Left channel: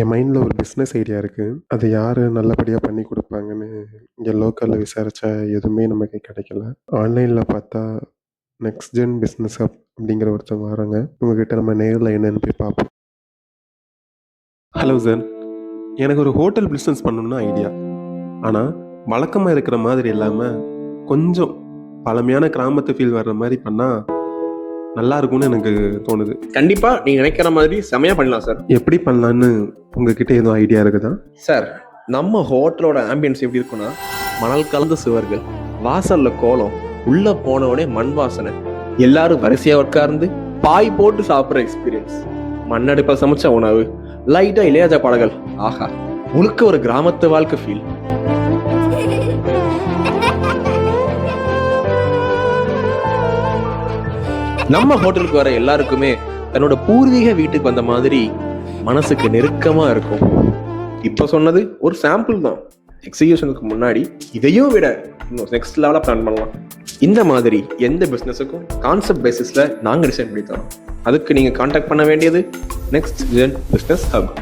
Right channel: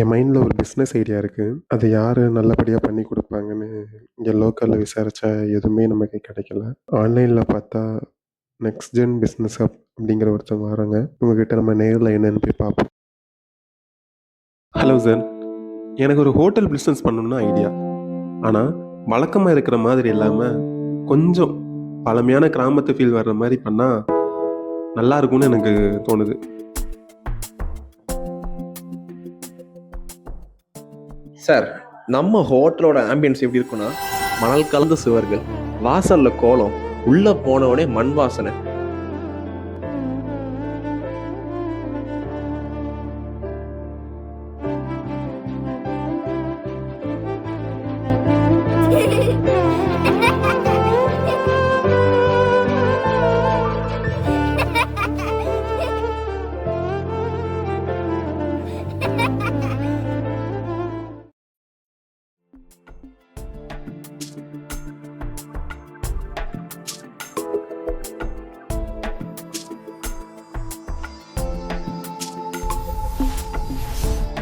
என் மைண்டில் ஒரு business idea இருக்குது. அது யார் நல்லபடியாக பண்ணி கொடுப்பாங்கன்னு இங்கே லோக்கலில் விசாரித்தா எதுவுமே நமக்கு கிடைக்கல. ஆன்லைனில் பார்த்தா நெக்ஸ்ட் ஜென் பிஸ்னஸ் ஹப் அப்படிங்கிற ஒருத்தவங்க வராங்க. உங்ககிட்ட நம்ம நேரில் என்னென்னு போய் பார்ப்போம். ஹலோ சார், எனக்கு ஒரு ஹோட்டல் பிஸ்னஸ் பண்ணணும்னு ஐடியா. ஆனால் வழக்கமாக இருக்கிற மாதிரி இல்லாமல் கொஞ்சம் பழமையான கிராமத்து ஃபீல் வர்ற மாதிரி பண்ணால் நல்லா இருக்கும்னு எனக்கு தோணுது. கண்டிப்பா நீங்க நினைக்கிற மாதிரி செமையா பண்ணலாம் சார். எப்படி பண்ணலான்னு உங்ககிட்ட எதுவும் ஐடியா இருக்குதா? சார், நம்ம ஹோட்டலோட ஆம்பியன்ஸ் எப்படி இருக்குன்னா, மணல் கலந்த சுவர்கள், வாசல்ல கோலம், உள்ள போனவுடனே மண் வாசனை, எல்லாரும் வரிசையா உட்கார்ந்து பாய் போட்டு சாப்பிட்ற எக்ஸ்பீரியன்ஸ், மண்ணடுப்பில் சமைச்ச உணவு, லைட்டா இளையராஜா பாடல்கள். ஆஹா, முழுக்க ஒரு கிராமத்து வாழ்க்கை ஃபீல். நம்ம ஹோட்டலுக்கு வர எல்லாருக்குமே தன்னோட பூர்வீக வீட்டுக்கு வந்த மாதிரி மனசுக்கு நெருக்கமா இருக்கும். இப்ப சொன்னது ஒரு சாம்பிள் தான். எக்ஸிகியூஷனுக்கு முன்னாடி இதையும் விட இன்னும் நெக்ஸ்ட் லெவலா பிளான் பண்ணலாம். இந்த மாதிரி எந்த பிசினஸுக்கும் கான்செப்ட் பேசிஸ்ல நாங்க டிசைன் பண்ணி தரோம். அதுக்கு நீங்க கான்டாக்ட் பண்ண வேண்டியது நெக்ஸ்ட் ஜென் பிசினஸ் ஹப்.